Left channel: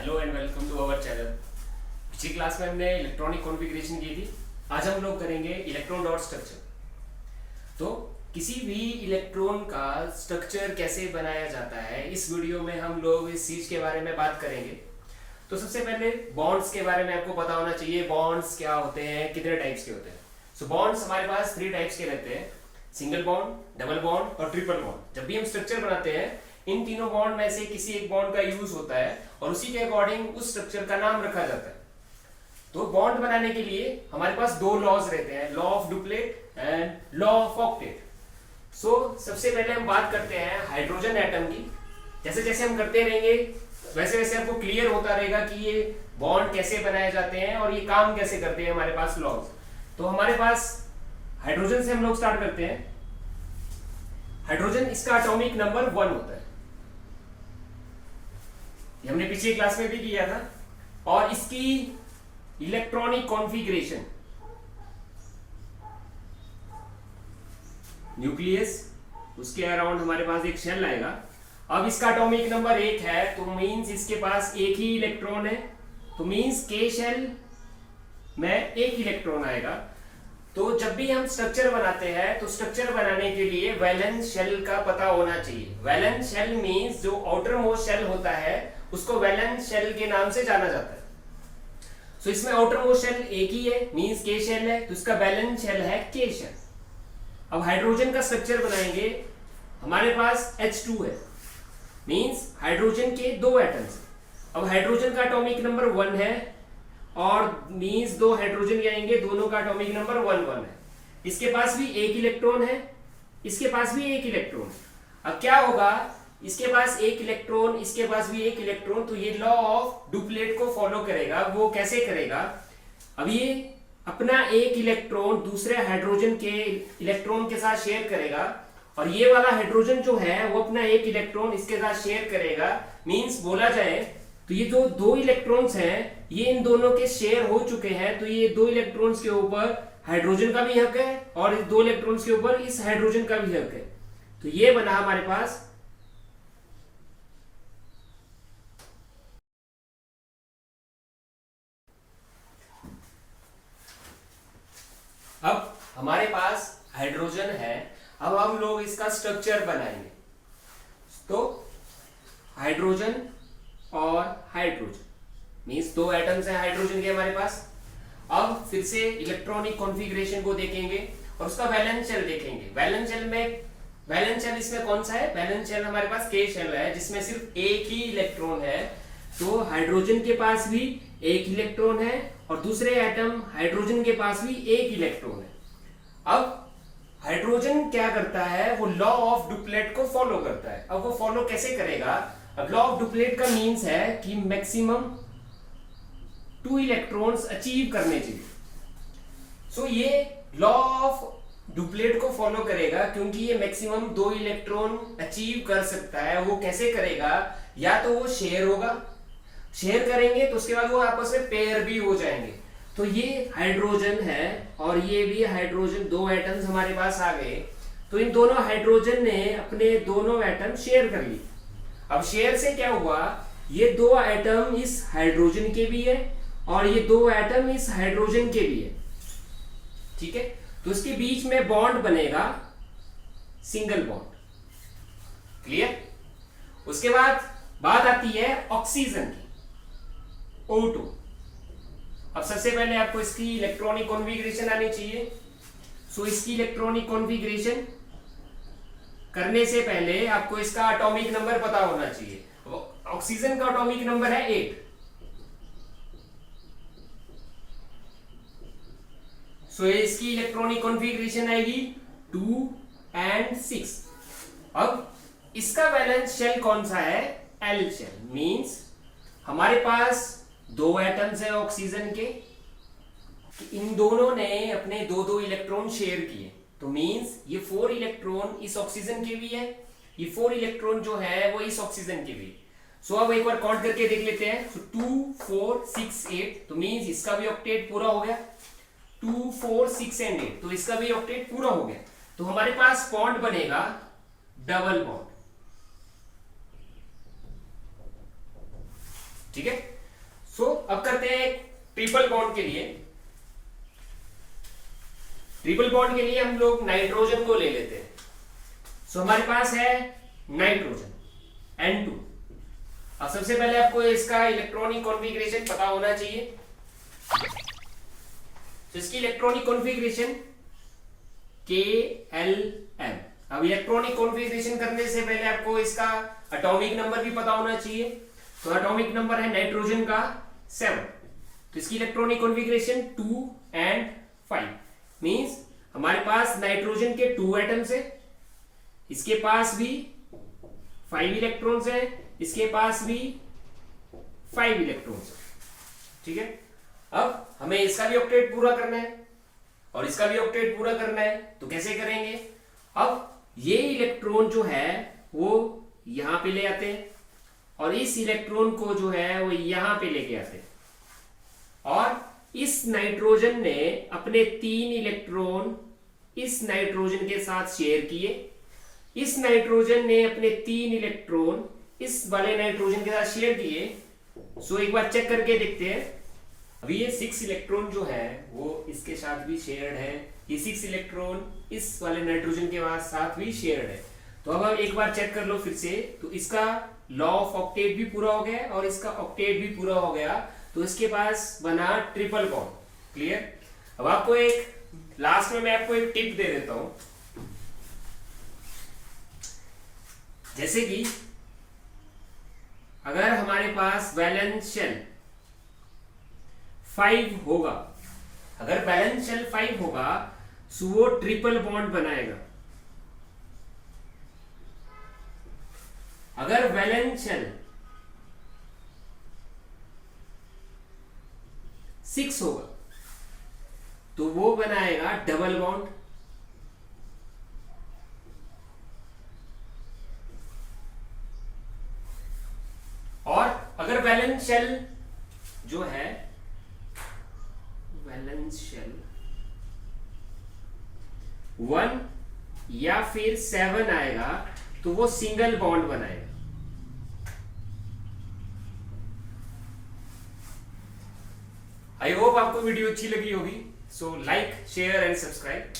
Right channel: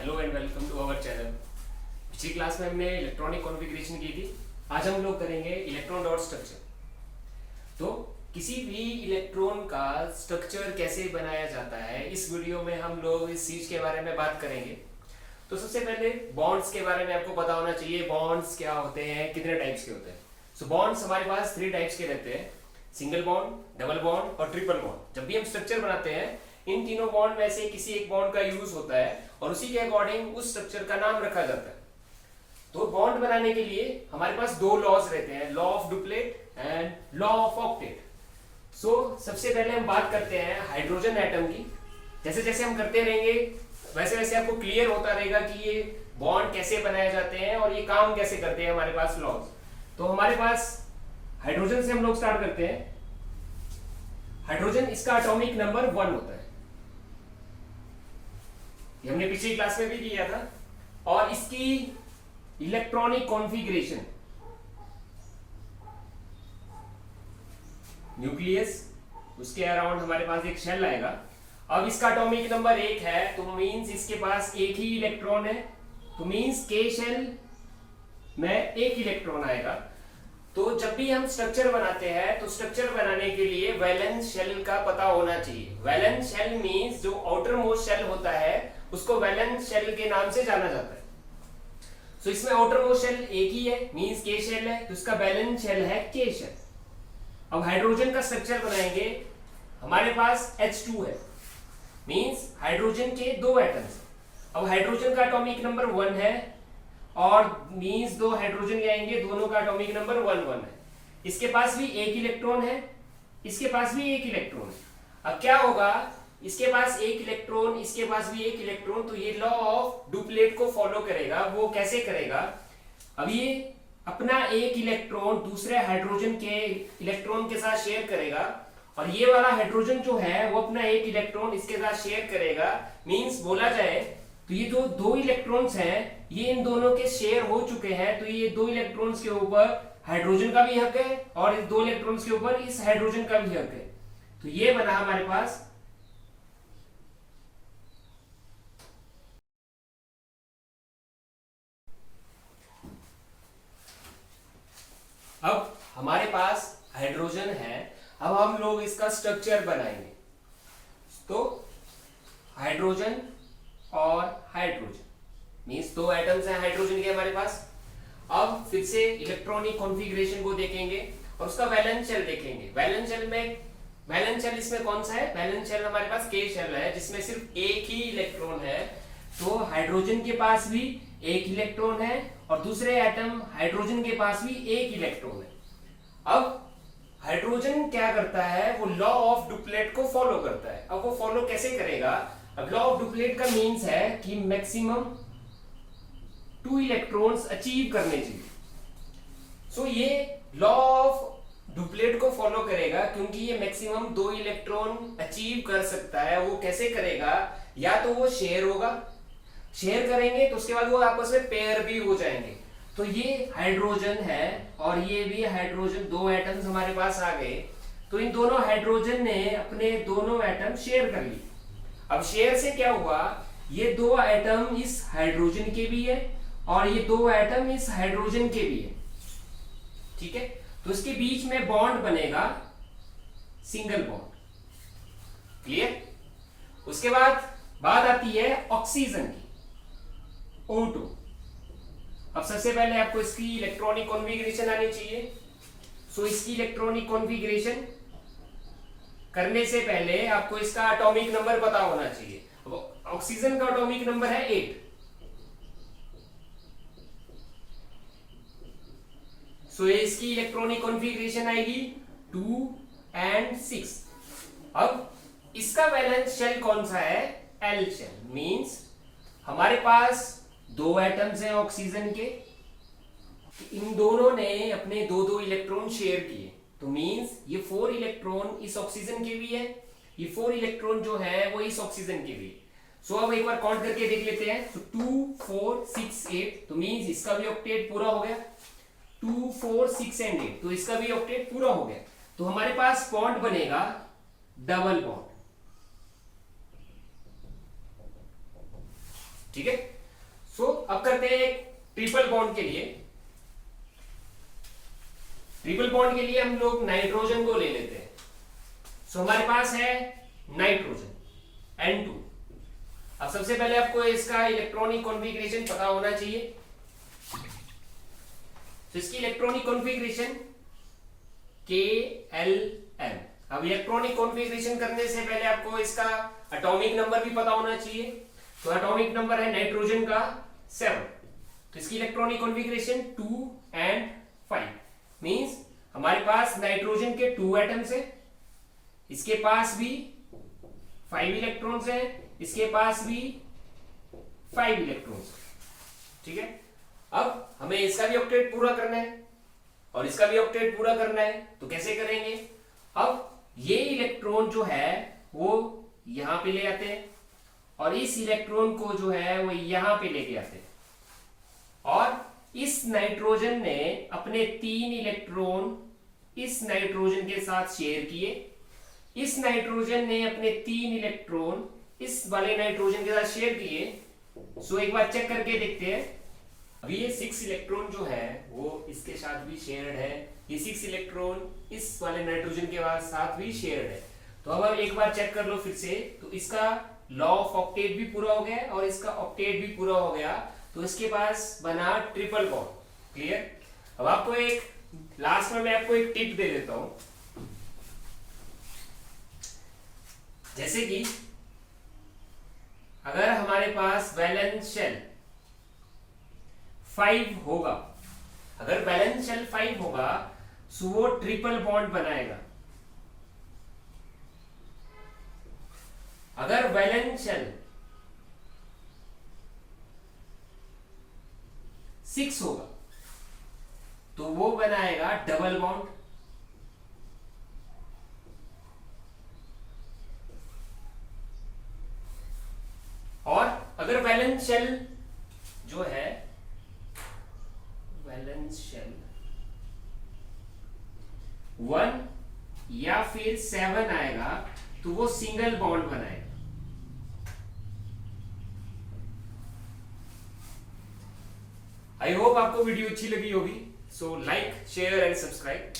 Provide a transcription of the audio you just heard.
Hello and welcome to our channel. पिछली class में हमने इलेक्ट्रॉनिक कॉन्फ़िगरेशन की थी। आज हम लोग करेंगे इलेक्ट्रॉन डॉट स्ट्रक्चर। तो किसी भी इलेक्ट्रॉन का स्ट्रक्चर कैसे बनाया जाता है, इस वीडियो में हम लोग इस चीज के बारे में बात करेंगे। तो सबसे पहले बॉन्ड्स के बारे में आपको पता होना चाहिए। बॉन्ड्स क्या होते हैं, कितने टाइप्स के होते हैं। सो बॉन्ड्स हमारे पास 3 टाइप्स के रहते हैं, सिंगल बॉन्ड, डबल बॉन्ड और ट्रिपल बॉन्ड। जब भी हम स्ट्रक्चर बनाते हैं, इन तीनों बॉन्ड में से किसी एक बॉन्ड का यूज होता है और उसी के अकॉर्डिंग उस स्ट्रक्चर का नाम रखा जाता है। तो बॉन्ड बनाने के लिए हमारे पास 2 लॉज रहते हैं, law of duplet and law of octet. So सबसे पहले हम बात करते हैं हाइड्रोजन एटम की। जैसे जैसे हम करते रहेंगे वैसे वैसे आपको क्लियर होता रहेगा कि ये बॉन्ड कैसे बनाए जाते हैं और ये काम कैसे करते हैं हमारे पास लॉज। तो हमारे पास हाइड्रोजन से हम लोग स्टार्ट करते हैं। हाइड्रोजन, इसका एटॉमिक नंबर 1 होता है। ये हमने पिछली क्लास में भी किया था। और इसकी इलेक्ट्रॉनिक कॉन्फ़िगरेशन, न्यूक्लियस, उसके अराउंड हमारे पास एक शेल आएगा। अब इसका एटॉमिक नंबर 1 है, तो मींस इसके पास एक ही इलेक्ट्रॉन है। तो मींस के शेल में एक इलेक्ट्रॉन आएगा। तो जब भी हम स्ट्रक्चर बनाते हैं तो स्ट्रक्चर बनाने के लिए वैलेंस शेल का पता होना चाहिए। वैलेंस शेल मींस जो आउटर मोस्ट शेल होता है उसको वैलेंस शेल के नाम से जाना जाता है। सो इसमें आउटर मोस्ट शेल एक ही है, मींस के शेल है, तो इसका वैलेंस शेल है के शेल। अब हाइड्रोजन का स्ट्रक्चर बनाएंगे। हमारे पास H2 है, मींस हाइड्रोजन के 2 एटम्स हैं। अब हाइड्रोजन का एटॉमिक नंबर 1 है और मींस 2 हाइड्रोजन आएंगे, दोनों का एटॉमिक नंबर 1 है। इसके पास भी एक इलेक्ट्रॉन है, इसके पास भी एक इलेक्ट्रॉन है। अब क्या होगा, इसके पास एक इलेक्ट्रॉन, इसके पास भी एक इलेक्ट्रॉन, तो ये लॉ ऑफ डुप्लेट को फॉलो करेगा। वो कैसे करेगा, अब ये अपना एक इलेक्ट्रॉन दूसरे हाइड्रोजन के इलेक्ट्रॉन के साथ शेयर करेगा और ये वाला हाइड्रोजन जो है वो अपना एक इलेक्ट्रॉन इसके साथ शेयर करेगा। मींस बोला जाए तो ये जो 2 इलेक्ट्रॉन्स हैं ये इन दोनों के शेयर हो चुके हैं। तो ये 2 इलेक्ट्रॉन्स के ऊपर हाइड्रोजन का भी हक है और इस 2 इलेक्ट्रॉन्स के ऊपर इस हाइड्रोजन का भी हक है। तो ये बना हमारे पास अब हमारे पास हाइड्रोजन है। अब हम लोग इसका स्ट्रक्चर बनाएंगे। तो हाइड्रोजन और हाइड्रोजन मींस 2 एटम्स हैं हाइड्रोजन के हमारे पास। अब फिर से इलेक्ट्रॉनिक कॉन्फ़िगरेशन को देखेंगे और उसका वैलेंस शेल देखेंगे। वैलेंस शेल इसमें कौन सा है, वैलेंस शेल हमारे पास के शेल है जिसमें सिर्फ एक ही इलेक्ट्रॉन है। तो हाइड्रोजन के पास भी एक इलेक्ट्रॉन है और दूसरे एटम हाइड्रोजन के पास भी एक इलेक्ट्रॉन है। अब हाइड्रोजन क्या करता है, वो लॉ ऑफ डुप्लेट को फॉलो करता है। अब वो फॉलो कैसे करेगा, अब लॉ ऑफ डुप्लेट का मींस है कि मैक्सिमम 2 इलेक्ट्रॉन्स अचीव करने चाहिए। सो ये लॉ ऑफ डुप्लेट को फॉलो करेगा क्योंकि ये मैक्सिमम 2 इलेक्ट्रॉन अचीव कर सकता है। वो कैसे करेगा, या तो वो शेयर होगा, शेयर करेंगे तो उसके बाद वो आपस में पेयर भी हो जाएंगे। तो ये हाइड्रोजन है और ये भी हाइड्रोजन, 2 एटम्स हमारे पास आ गए। तो इन दोनों हाइड्रोजन ने अपने दोनों एटम शेयर कर लिए। अब शेयर से क्या हुआ, ये 2 एटम इस हाइड्रोजन के भी है और ये 2 एटम इस हाइड्रोजन के भी है। ठीक है, तो इसके बीच में बॉन्ड बनेगा सिंगल बॉन्ड। क्लियर। उसके बाद बात आती है ऑक्सीजन की, O2। अब सबसे पहले आपको इसकी इलेक्ट्रॉनिक कॉन्फ़िगरेशन आनी चाहिए। सो इसकी इलेक्ट्रॉनिक कॉन्फ़िगरेशन करने से पहले आपको इसका एटॉमिक नंबर पता होना चाहिए। ऑक्सीजन का एटॉमिक नंबर है 8। सो इसकी इलेक्ट्रॉनिक कॉन्फ़िगरेशन आएगी 2 and 6। अब इसका वैलेंस शेल कौन सा है, L शेल। मींस हमारे पास 2 एटम्स हैं ऑक्सीजन के, इन दोनों ने अपने 2-2 इलेक्ट्रॉन शेयर किए। तो मींस ये 4 इलेक्ट्रॉन इस ऑक्सीजन के भी है, ये 4 इलेक्ट्रॉन जो है वो इस ऑक्सीजन के भी। सो अब एक बार काउंट करके देख लेते हैं। सो 2 4 6 8, तो मींस इसका भी ऑक्टेट पूरा हो गया। 2 4 6 and 8, तो इसका भी ऑक्टेट पूरा हो गया। तो हमारे पास बॉन्ड बनेगा डबल बॉन्ड। ठीक है। सो अब करते हैं एक ट्रिपल बॉन्ड के लिए। ट्रिपल बॉन्ड के लिए हम लोग नाइट्रोजन को ले लेते हैं। सो हमारे पास है नाइट्रोजन N2। अब सबसे पहले आपको इसका इलेक्ट्रॉनिक कॉन्फ़िगरेशन पता होना चाहिए। तो इसकी इलेक्ट्रॉनिक कॉन्फ़िगरेशन KLM। अब इलेक्ट्रॉनिक कॉन्फ़िगरेशन करने से पहले आपको इसका एटॉमिक नंबर भी पता होना चाहिए। तो एटॉमिक नंबर है नाइट्रोजन का 7। तो इसकी इलेक्ट्रॉनिक कॉन्फ़िगरेशन 2 and 5 मींस हमारे पास नाइट्रोजन के 2 एटम्स है, इसके पास भी 5 इलेक्ट्रॉन्स है, इसके पास भी 5 इलेक्ट्रॉन्स है। ठीक है। अब हमें इसका भी ऑक्टेट पूरा करना है और इसका भी ऑक्टेट पूरा करना है। तो कैसे करेंगे? अब ये इलेक्ट्रॉन जो है वो यहां पे ले आते हैं और इस इलेक्ट्रॉन को जो है वो यहां पे लेके आते हैं और इस नाइट्रोजन ने अपने 3 इलेक्ट्रॉन इस नाइट्रोजन के साथ शेयर किए, इस नाइट्रोजन ने अपने 3 इलेक्ट्रॉन इस वाले नाइट्रोजन के साथ शेयर किए। सो एक बार चेक करके देखते हैं। अभी ये 6 इलेक्ट्रॉन जो है वो इसके साथ भी शेयर्ड है, ये 6 इलेक्ट्रॉन इस वाले नाइट्रोजन के साथ भी शेयर्ड है। तो अब एक बार चेक कर लो फिर से। तो इसका लॉ ऑफ ऑक्टेट भी पूरा हो गया और इसका ऑक्टेट भी पूरा हो गया। तो इसके पास बना ट्रिपल बॉन्ड। क्लियर? अब आपको एक लास्ट में मैं आपको एक टिप दे देता हूं। जैसे कि अगर हमारे पास वैलेंस शेल 5 होगा, अगर वैलेंस शेल 5 होगा तो वो ट्रिपल बॉन्ड बनाएगा। अगर वैलेंस शेल 6 होगा तो वो बनाएगा डबल बॉन्ड। और अगर वैलेंस शेल जो है वैलेंस शेल 1 या फिर 7 आएगा तो वो सिंगल बॉन्ड बनाएगा। आई होप आपको वीडियो अच्छी लगी होगी। So like, share and subscribe.